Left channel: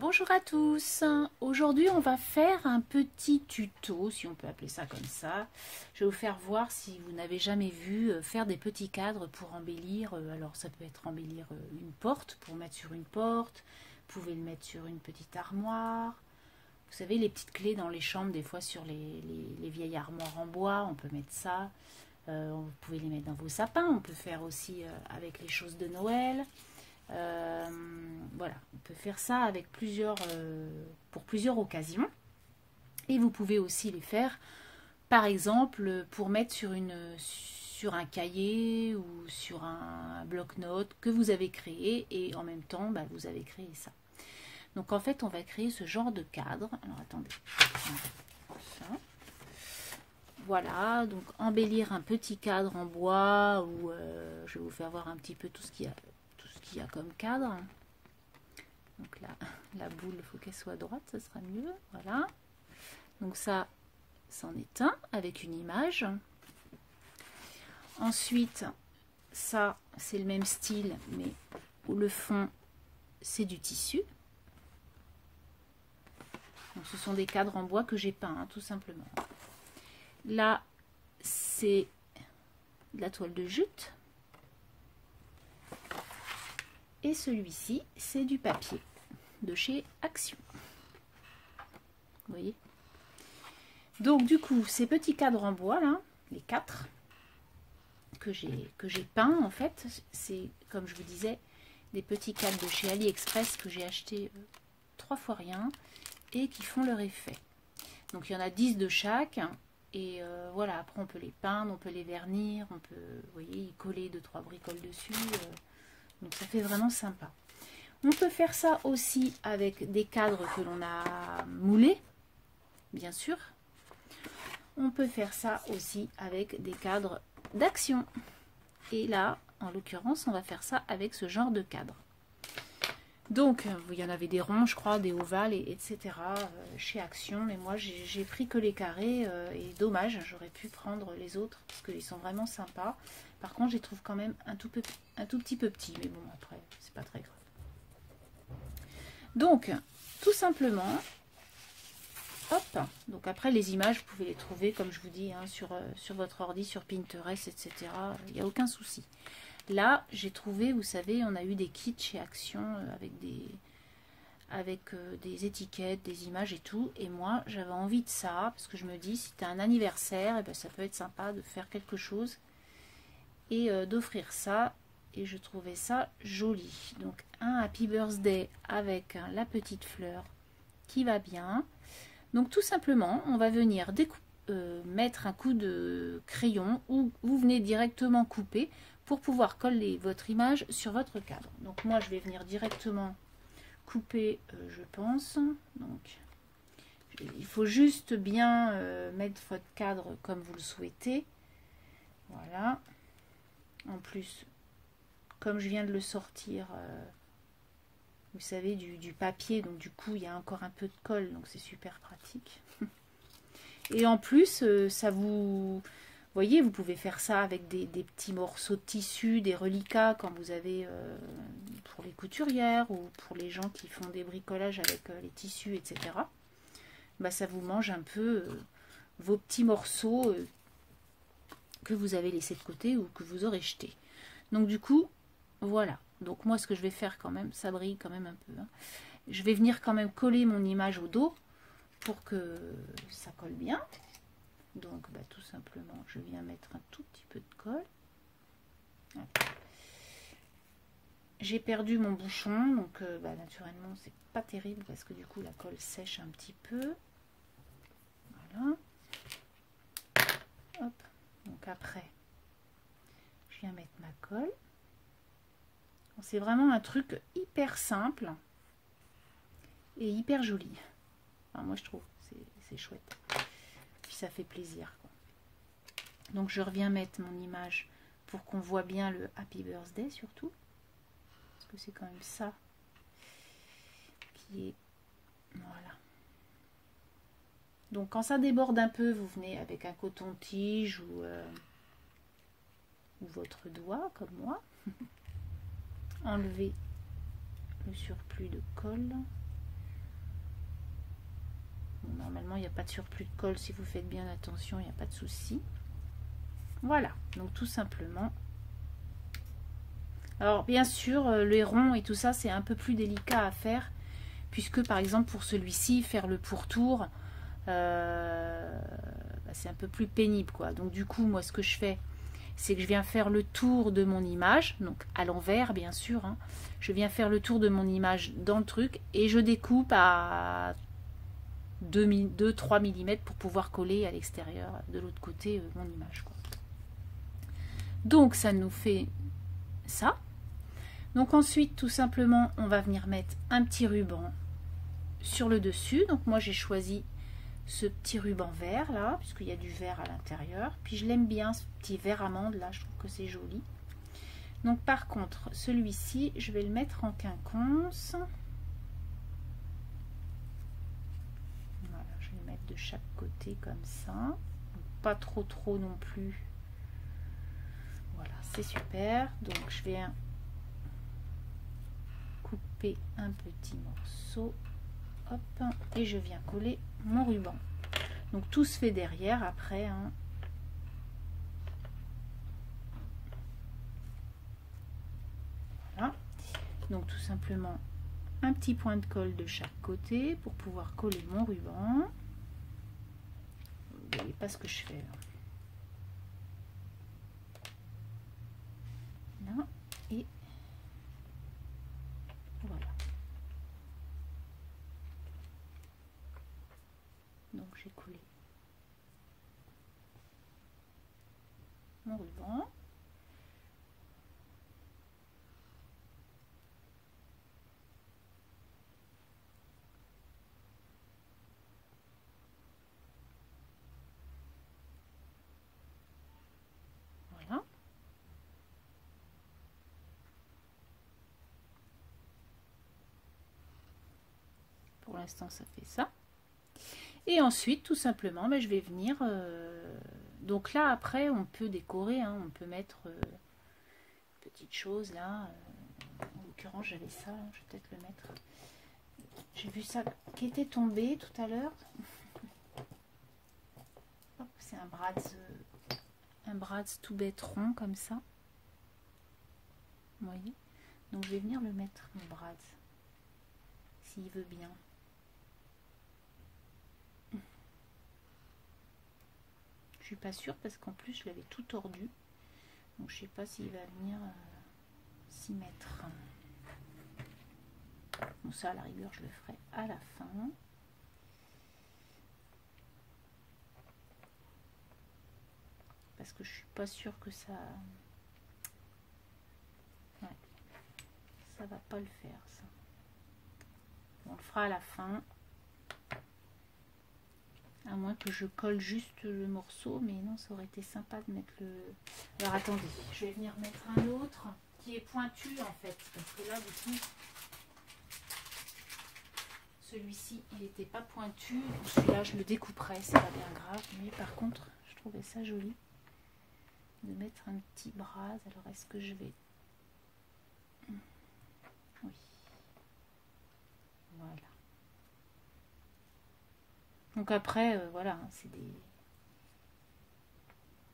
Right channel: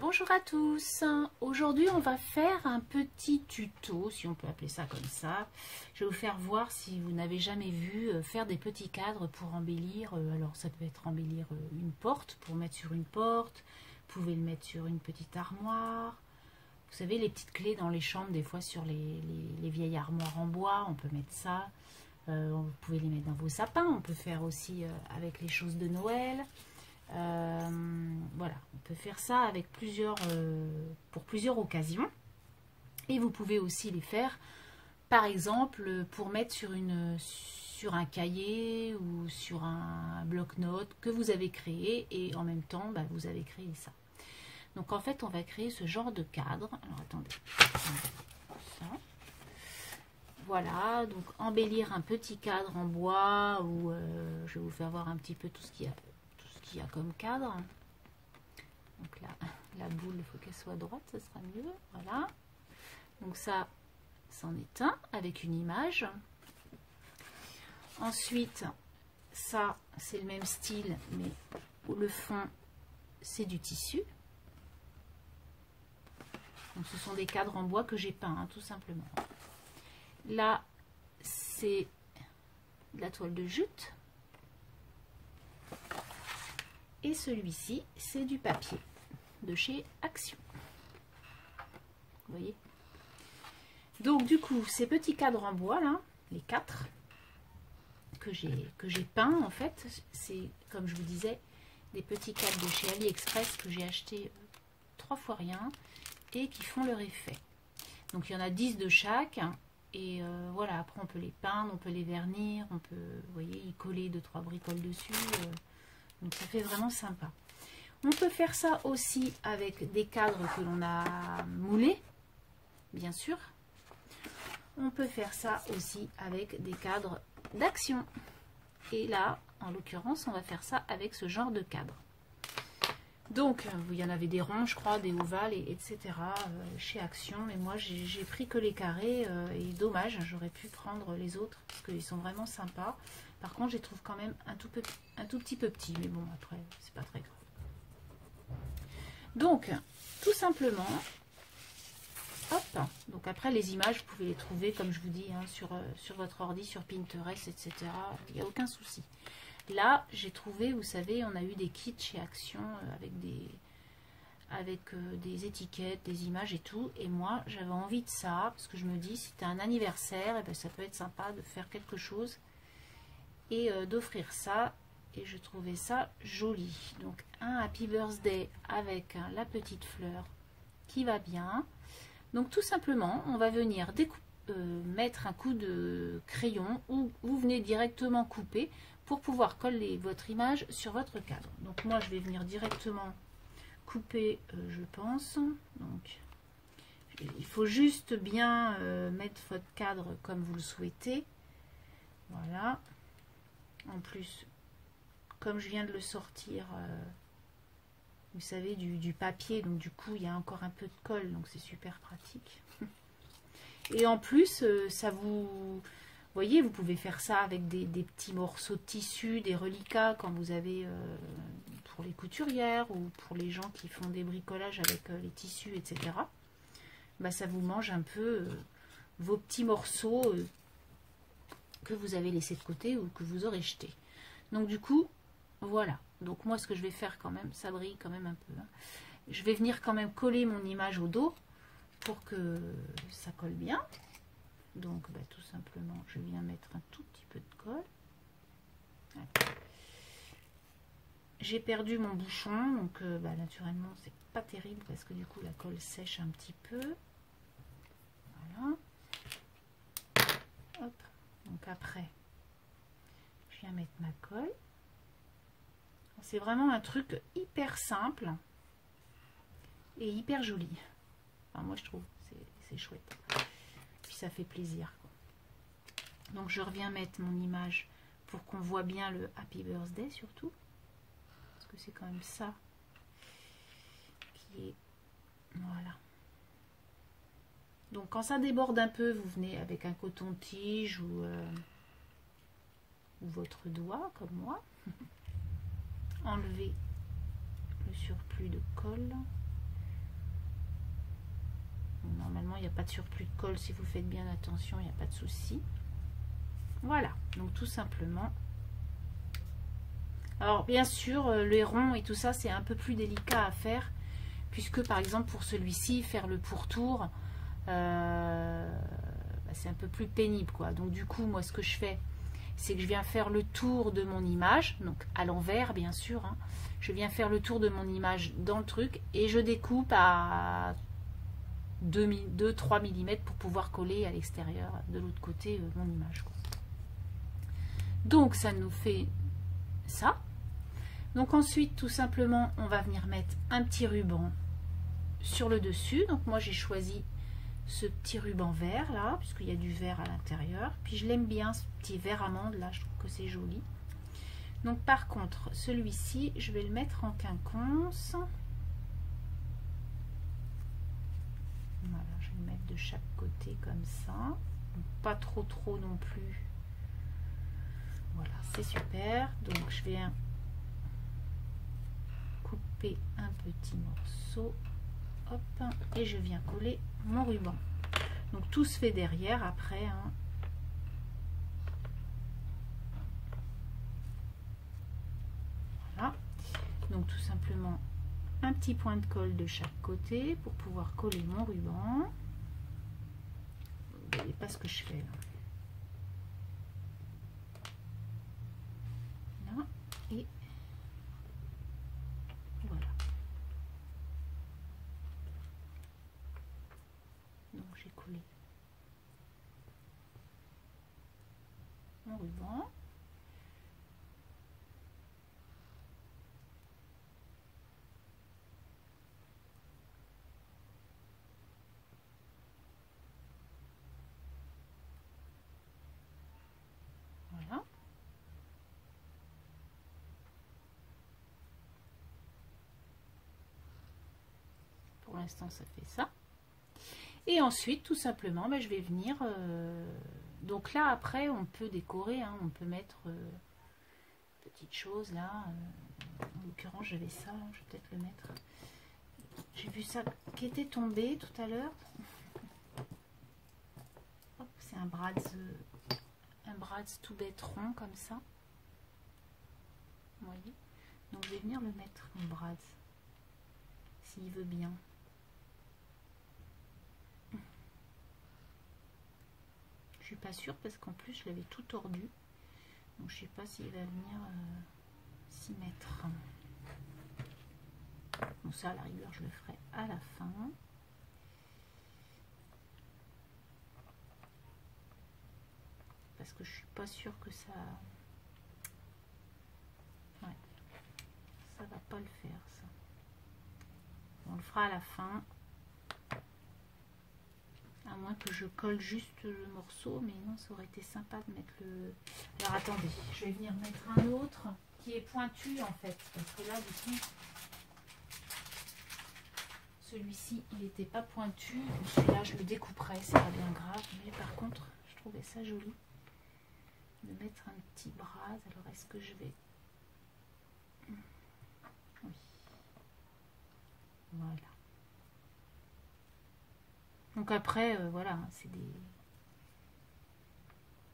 Bonjour à tous, aujourd'hui on va faire un petit tuto, si on peut appeler ça comme ça. Je vais vous faire voir, si vous n'avez jamais vu, faire des petits cadres pour embellir. Alors ça peut être embellir une porte, pour mettre sur une porte, vous pouvez le mettre sur une petite armoire. Vous savez, les petites clés dans les chambres, des fois sur les vieilles armoires en bois, on peut mettre ça. Vous pouvez les mettre dans vos sapins, on peut faire aussi avec les choses de Noël. Voilà, on peut faire ça avec pour plusieurs occasions. Et vous pouvez aussi les faire, par exemple, pour mettre sur un cahier ou sur un bloc-notes que vous avez créé, et en même temps, vous avez créé ça. Donc en fait, on va créer ce genre de cadre. Alors attendez. Voilà, donc embellir un petit cadre en bois, ou je vais vous faire voir un petit peu tout ce qu'il y a comme cadre. Donc là, la boule, il faut qu'elle soit droite, ça sera mieux. Voilà. Donc ça, c'en est un avec une image. Ensuite, ça, c'est le même style, mais où le fond, c'est du tissu. Donc ce sont des cadres en bois que j'ai peints, hein, tout simplement. Là, c'est de la toile de jute. Et celui-ci, c'est du papier de chez Action. Vous voyez? Donc du coup, ces petits cadres en bois, là, les 4 que j'ai peints, en fait, c'est, comme je vous disais, des petits cadres de chez AliExpress que j'ai acheté 3 fois rien et qui font leur effet. Donc il y en a 10 de chaque. Et voilà, après on peut les peindre, on peut les vernir, on peut, vous voyez, y coller 2-3 bricoles dessus. Donc ça fait vraiment sympa. On peut faire ça aussi avec des cadres que l'on a moulés, bien sûr. On peut faire ça aussi avec des cadres d'Action. Et là, en l'occurrence, on va faire ça avec ce genre de cadre. Donc, il y en avait des ronds, je crois, des ovales, etc. Chez Action. Mais moi, j'ai pris que les carrés. Et dommage, j'aurais pu prendre les autres parce qu'ils sont vraiment sympas. Par contre, je les trouve quand même un tout petit peu petits. Mais bon, après, c'est pas très grave. Donc, tout simplement, hop. Donc après, les images, vous pouvez les trouver, comme je vous dis, hein, sur votre ordi, sur Pinterest, etc. Il n'y a aucun souci. Là, j'ai trouvé, vous savez, on a eu des kits chez Action avec des étiquettes, des images et tout. Et moi, j'avais envie de ça, parce que je me dis, si tu as un anniversaire, et ben, ça peut être sympa de faire quelque chose et d'offrir ça. Et je trouvais ça joli. Donc, un Happy Birthday avec la petite fleur qui va bien. Donc, tout simplement, on va venir mettre un coup de crayon ou vous venez directement couper pour pouvoir coller votre image sur votre cadre. Donc moi je vais venir directement couper, je pense. Donc il faut juste bien mettre votre cadre comme vous le souhaitez. Voilà. En plus, comme je viens de le sortir, vous savez, du papier, donc du coup il y a encore un peu de colle, donc c'est super pratique. Et en plus, ça vous voyez, vous pouvez faire ça avec des petits morceaux de tissu, des reliquats quand vous avez pour les couturières ou pour les gens qui font des bricolages avec les tissus, etc. Ça vous mange un peu vos petits morceaux que vous avez laissés de côté ou que vous aurez jetés. Donc du coup, voilà. Donc moi, ce que je vais faire quand même, ça brille quand même un peu. Hein. Je vais venir quand même coller mon image au dos pour que ça colle bien. Donc tout simplement, je viens mettre un tout petit peu de colle. Voilà. J'ai perdu mon bouchon, donc naturellement c'est pas terrible parce que du coup la colle sèche un petit peu. Voilà. Hop. Donc après, je viens mettre ma colle. C'est vraiment un truc hyper simple et hyper joli. Enfin, moi je trouve c'est chouette. Puis ça fait plaisir. Donc je reviens mettre mon image pour qu'on voit bien le Happy Birthday surtout. Parce que c'est quand même ça qui est... Voilà. Donc quand ça déborde un peu, vous venez avec un coton-tige ou votre doigt comme moi. Enlever le surplus de colle. Normalement, il n'y a pas de surplus de colle. Si vous faites bien attention, il n'y a pas de souci. Voilà, donc tout simplement. Alors, bien sûr, les ronds et tout ça, c'est un peu plus délicat à faire. Puisque, par exemple, pour celui-ci, faire le pourtour, c'est un peu plus pénible, quoi. Donc, du coup, moi, ce que je fais, c'est que je viens faire le tour de mon image. Donc, à l'envers, bien sûr. Hein. Je viens faire le tour de mon image dans le truc. Et je découpe à 2-3 mm pour pouvoir coller à l'extérieur de l'autre côté mon image, quoi. Donc ça nous fait ça. Donc ensuite tout simplement on va venir mettre un petit ruban sur le dessus. Donc moi j'ai choisi ce petit ruban vert là puisqu'il y a du vert à l'intérieur, puis je l'aime bien ce petit vert amande là, je trouve que c'est joli. Donc par contre celui-ci je vais le mettre en quinconce. De chaque côté comme ça, donc pas trop non plus. Voilà, c'est super. Donc je vais couper un petit morceau, hop, et je viens coller mon ruban. Donc tout se fait derrière après, hein. Voilà, donc tout simplement un petit point de colle de chaque côté pour pouvoir coller mon ruban. Vous voyez pas ce que je fais là. Là, et voilà. Donc j'ai collé mon ruban. Pour l'instant ça fait ça, et ensuite tout simplement je vais venir donc là après on peut décorer, hein, on peut mettre petites choses là, en l'occurrence j'avais ça, je vais peut-être le mettre, j'ai vu ça qui était tombé tout à l'heure. C'est un Bratz tout bête rond comme ça, vous voyez, donc je vais venir le mettre en Bratz s'il veut bien. Je suis pas sûre parce qu'en plus je l'avais tout tordu, donc je sais pas s'il va venir s'y mettre. Bon, ça à la rigueur je le ferai à la fin. Parce que je suis pas sûre que ça... Ouais, ça va pas le faire ça. On le fera à la fin. À moins que je colle juste le morceau, mais non, ça aurait été sympa de mettre le... Alors attendez, je vais venir mettre un autre qui est pointu en fait, parce que là du coup, celui-ci il n'était pas pointu, celui-là je le découperai, c'est pas bien grave, mais par contre je trouvais ça joli de mettre un petit Bratz. Alors est-ce que je vais... Oui, voilà. Donc après, voilà,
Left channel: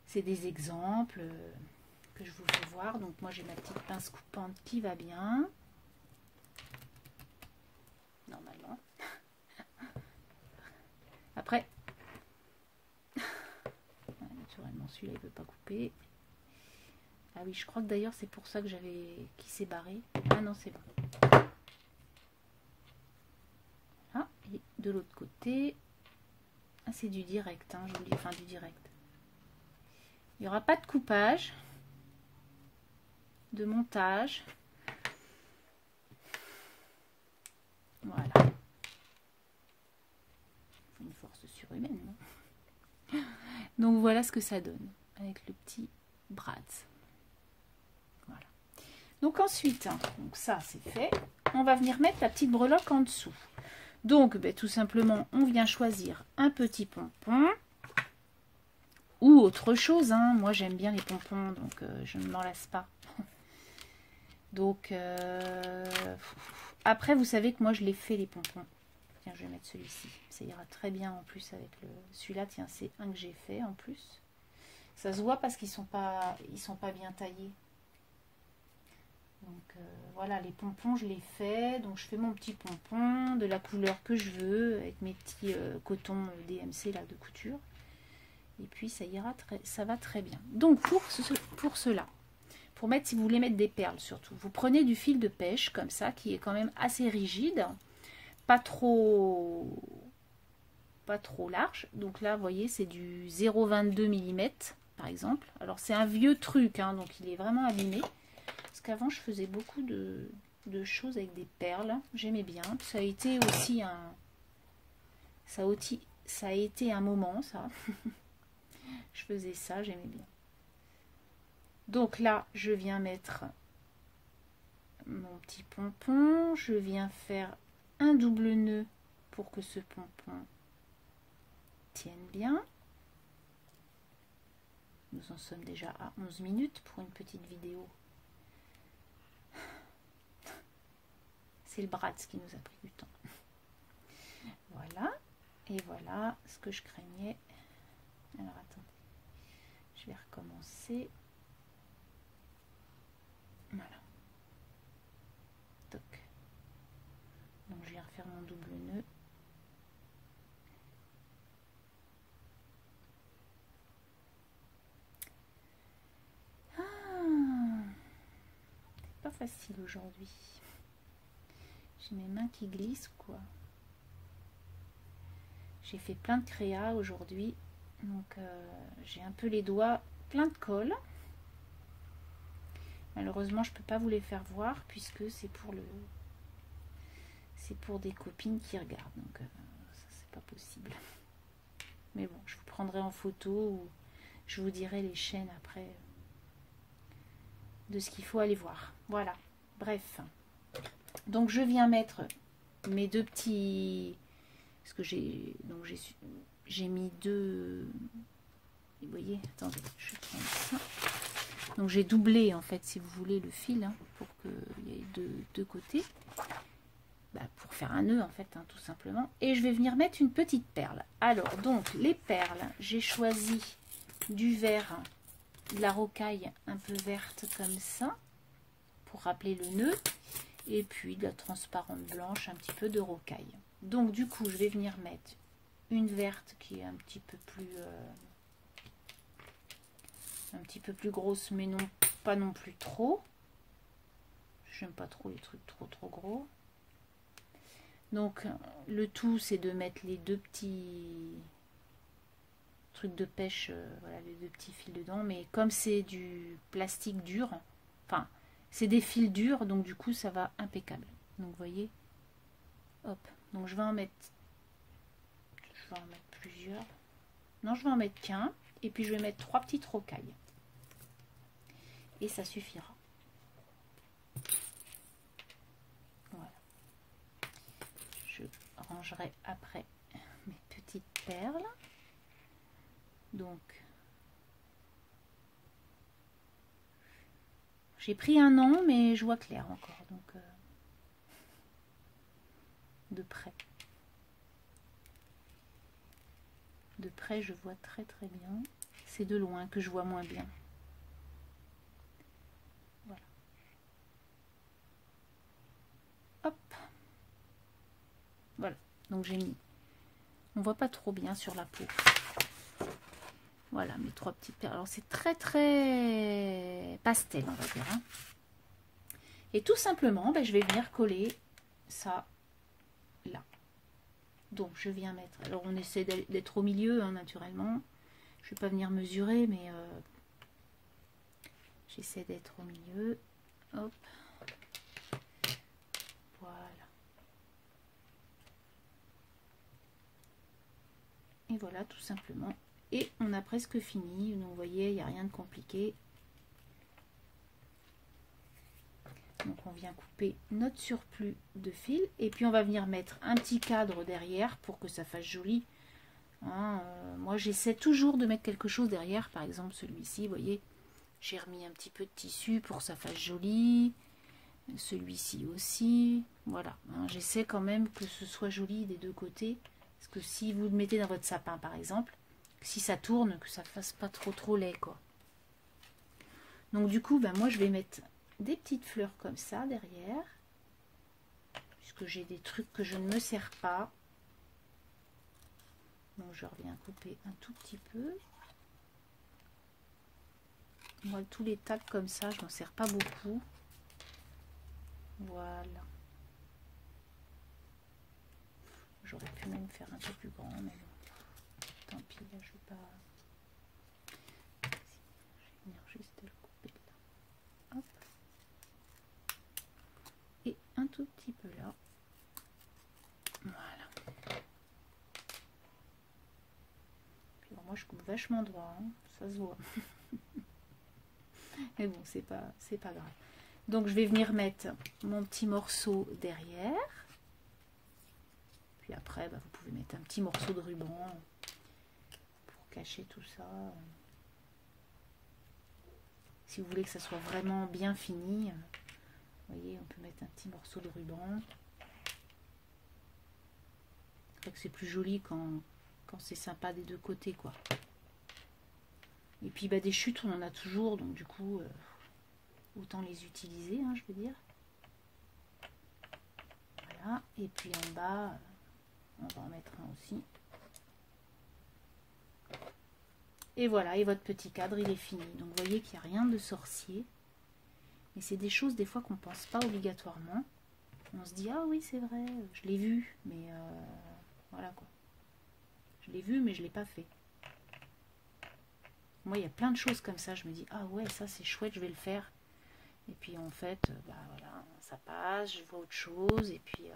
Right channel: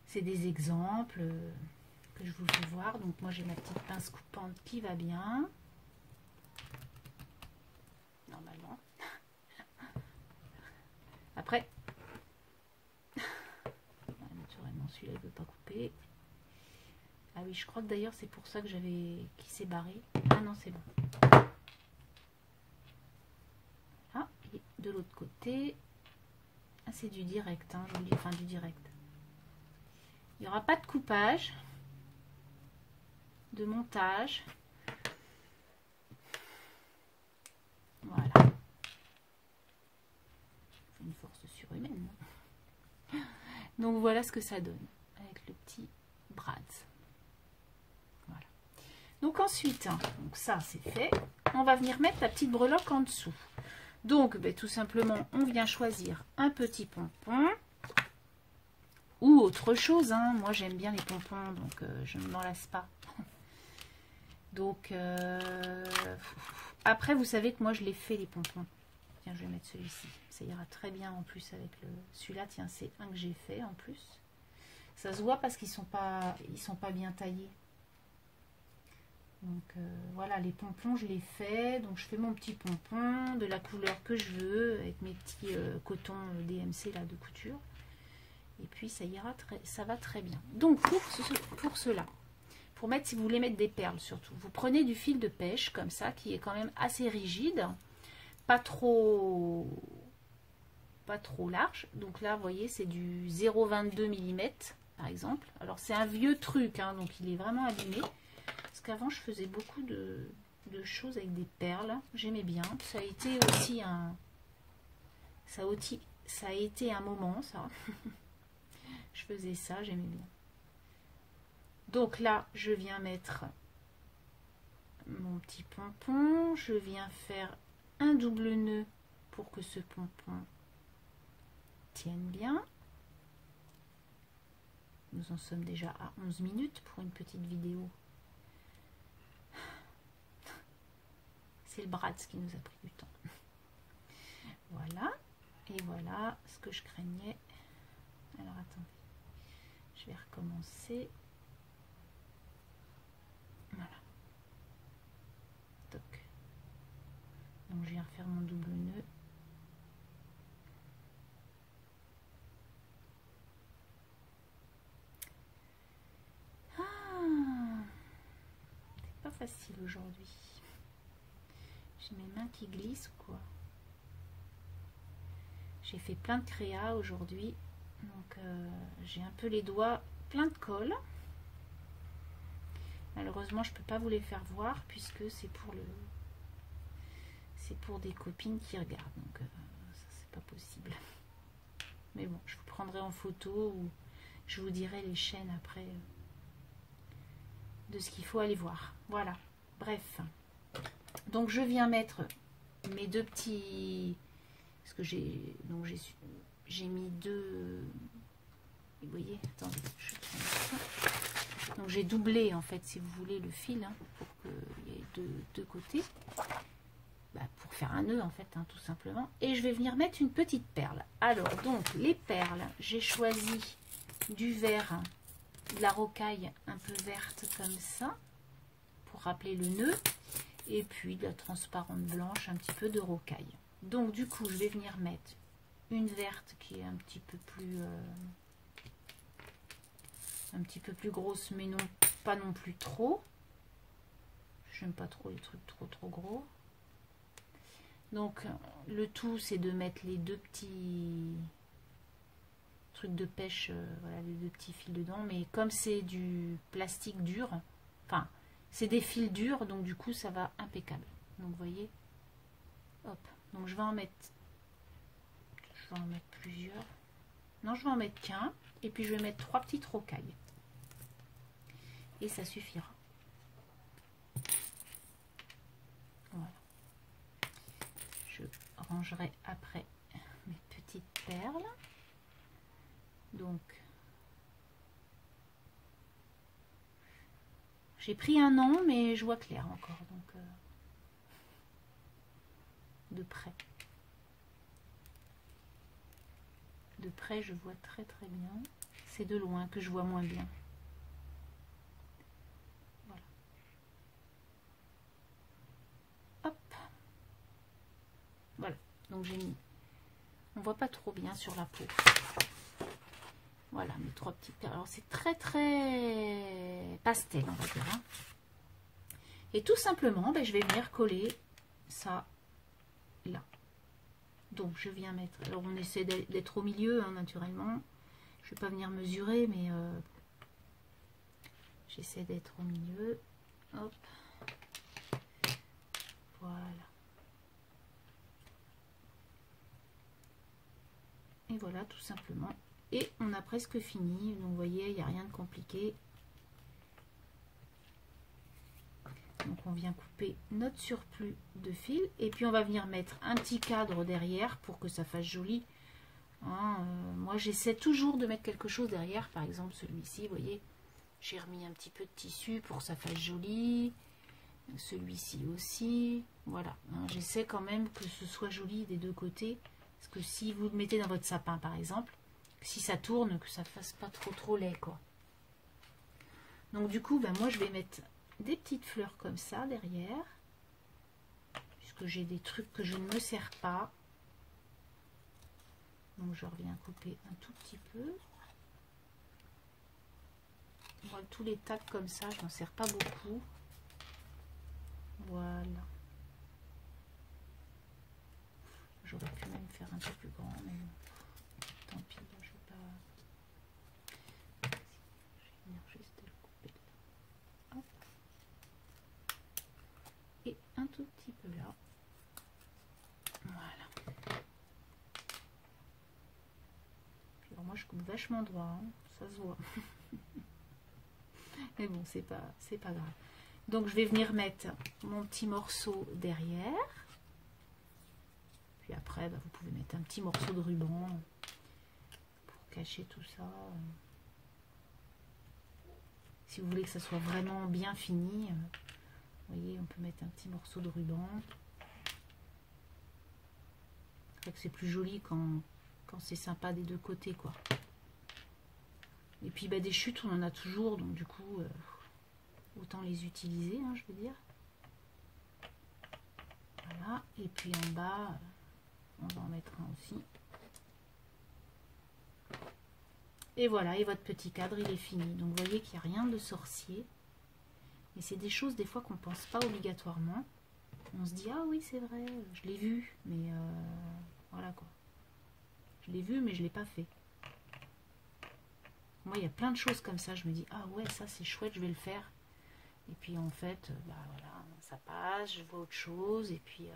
c'est des exemples que je vous fais voir. Donc moi j'ai ma petite pince coupante qui va bien. Normalement. Après, naturellement celui-là il ne veut pas couper. Ah oui, je crois que d'ailleurs c'est pour ça que j'avais... qui s'est barré. Ah non, c'est bon. Voilà, et de l'autre côté... Ah, c'est du direct, hein, je vous dis, enfin du direct. Il n'y aura pas de coupage, de montage. Voilà. Une force surhumaine. Non. Donc voilà ce que ça donne avec le petit Bratz. Voilà. Donc ensuite, hein, donc ça c'est fait. On va venir mettre la petite breloque en dessous. Donc, tout simplement, on vient choisir un petit pompon ou autre chose. Hein. Moi, j'aime bien les pompons, donc je ne m'en lasse pas. Donc, après, vous savez que moi, je les fais, les pompons. Tiens, je vais mettre celui-ci. Ça ira très bien en plus avec celui-là. Tiens, c'est un que j'ai fait en plus. Ça se voit parce qu'ils sont pas bien taillés. Donc voilà, les pompons, je les fais. Donc je fais mon petit pompon de la couleur que je veux avec mes petits cotons DMC là de couture. Et puis ça ira ça va très bien. Donc pour cela, pour mettre, si vous voulez mettre des perles surtout, vous prenez du fil de pêche comme ça qui est quand même assez rigide, pas trop large. Donc là, vous voyez, c'est du 0,22 mm par exemple. Alors c'est un vieux truc, hein, donc il est vraiment abîmé. Parce qu'avant, je faisais beaucoup de choses avec des perles. J'aimais bien. Ça a été aussi ça a été un moment, ça. Je faisais ça, j'aimais bien. Donc là, je viens mettre mon petit pompon. Je viens faire un double nœud pour que ce pompon tienne bien. Nous en sommes déjà à 11 minutes pour une petite vidéo. C'est le Bratz qui nous a pris du temps. Voilà. Et voilà ce que je craignais. Alors attendez. Je vais recommencer. Voilà. Donc je viens faire mon double nœud. C'est pas facile aujourd'hui. J'ai mes mains qui glissent ou quoi? J'ai fait plein de créa aujourd'hui, donc j'ai un peu les doigts plein de colle. Malheureusement, je peux pas vous les faire voir puisque c'est pour des copines qui regardent, donc ça c'est pas possible. Mais bon, je vous prendrai en photo ou je vous dirai les chaînes après de ce qu'il faut aller voir. Voilà. Bref. Donc je viens mettre mes deux petits, parce que j'ai mis deux, vous voyez, attendez, je prends ça. Donc j'ai doublé en fait, si vous voulez, le fil, hein, pour qu'il y ait deux côtés, pour faire un nœud en fait, hein, tout simplement. Et je vais venir mettre une petite perle. Alors donc les perles, j'ai choisi du vert, de la rocaille un peu verte comme ça, pour rappeler le nœud. Et puis de la transparente blanche, un petit peu de rocaille. Donc du coup, je vais venir mettre une verte qui est un petit peu plus grosse, mais non pas non plus trop. J'aime pas trop les trucs trop gros. Donc le tout, c'est de mettre les deux petits trucs de pêche, voilà, les deux petits fils dedans. Mais comme c'est du plastique dur, enfin c'est des fils durs, donc du coup ça va impeccable. Donc vous voyez, hop, donc je vais en mettre plusieurs. Non, je vais en mettre qu'un, et puis je vais mettre 3 petites rocailles. Et ça suffira. Voilà. Je rangerai après mes petites perles. Donc j'ai pris un an, mais je vois clair encore, donc de près. De près, je vois très bien. C'est de loin que je vois moins bien. Voilà. Hop. Voilà. Donc j'ai mis. On voit pas trop bien sur la peau. Voilà mes 3 petites perles. Alors c'est très pastel, on va dire. Hein. Et tout simplement, je vais venir coller ça là. Donc je viens mettre. Alors on essaie d'être au milieu, hein, naturellement. Je vais pas venir mesurer, mais j'essaie d'être au milieu. Hop. Voilà. Et voilà, tout simplement. Et on a presque fini. Donc vous voyez, il n'y a rien de compliqué. Donc on vient couper notre surplus de fil. Et puis on va venir mettre un petit cadre derrière pour que ça fasse joli. Hein, moi j'essaie toujours de mettre quelque chose derrière. Par exemple celui-ci, vous voyez, j'ai remis un petit peu de tissu pour que ça fasse joli. Celui-ci aussi. Voilà, hein, j'essaie quand même que ce soit joli des deux côtés. Parce que si vous le mettez dans votre sapin, par exemple, si ça tourne, que ça fasse pas trop laid, quoi. Donc du coup, ben, moi, je vais mettre des petites fleurs comme ça derrière. Puisque j'ai des trucs que je ne me sers pas. Donc je reviens couper un tout petit peu. Moi, tous les tacs comme ça, je n'en sers pas beaucoup. Voilà. J'aurais pu même faire un peu plus grand, mais bon. Tant pis, là, je vais pas. Je vais venir juste le couper là. Hop. Et un tout petit peu là. Voilà. Puis alors, moi, je coupe vachement droit, hein. Ça se voit. Mais bon, c'est pas grave. Donc, je vais venir mettre mon petit morceau derrière. Puis après, bah, vous pouvez mettre un petit morceau de ruban pour cacher tout ça. Si vous voulez que ça soit vraiment bien fini, vous voyez, on peut mettre un petit morceau de ruban. C'est vrai que c'est plus joli quand c'est sympa des deux côtés, quoi. Et puis bah, des chutes, on en a toujours, donc du coup, autant les utiliser, hein, je veux dire. Voilà, et puis en bas, on va en mettre un aussi. Et voilà, et votre petit cadre, il est fini. Donc vous voyez qu'il n'y a rien de sorcier. Mais c'est des choses des fois qu'on ne pense pas obligatoirement. On se dit, ah oui, c'est vrai, je l'ai vu, mais voilà quoi. Je l'ai vu, mais je ne l'ai pas fait. Moi, il y a plein de choses comme ça. Je me dis, ah ouais, ça c'est chouette, je vais le faire. Et puis en fait, bah voilà, ça passe, je vois autre chose. Et puis,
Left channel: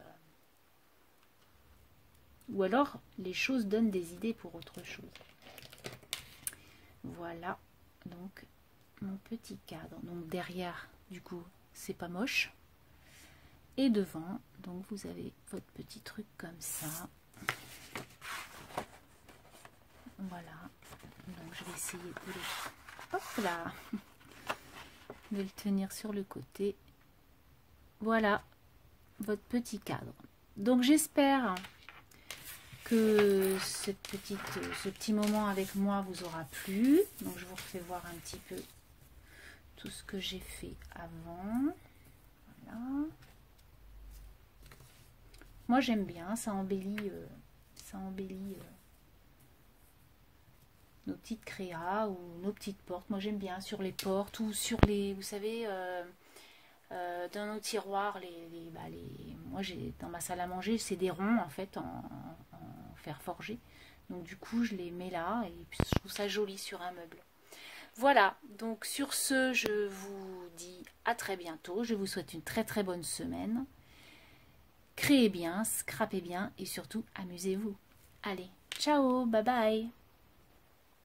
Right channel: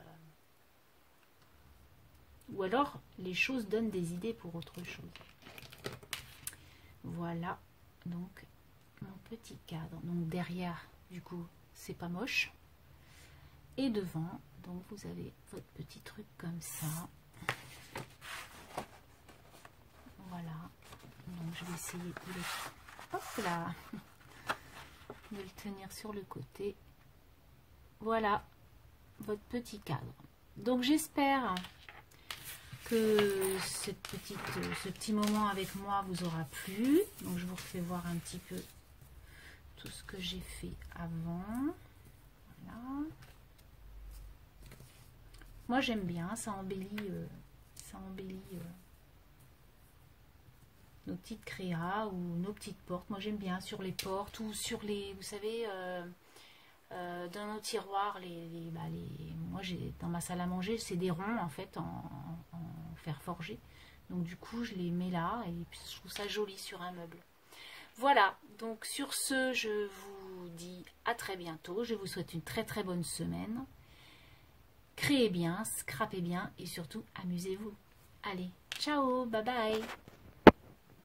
ou alors, les choses donnent des idées pour autre chose. Voilà, donc mon petit cadre. Donc derrière, du coup, c'est pas moche. Et devant, donc vous avez votre petit truc comme ça. Voilà. Donc je vais essayer de le... Hop là, de le tenir sur le côté. Voilà, votre petit cadre. Donc j'espère que ce petit moment avec moi vous aura plu. Donc je vous refais voir un petit peu tout ce que j'ai fait avant. Voilà. Moi j'aime bien, ça embellit nos petites créas ou nos petites portes. Moi j'aime bien sur les portes ou sur les, vous savez, dans nos tiroirs, moi j'ai dans ma salle à manger, c'est des ronds en fait en fer forgé. Donc du coup je les mets là et puis je trouve ça joli sur un meuble. Voilà, donc sur ce, je vous dis à très bientôt. Je vous souhaite une très très bonne semaine. Créez bien, scrapez bien et surtout amusez-vous. Allez, ciao, bye bye.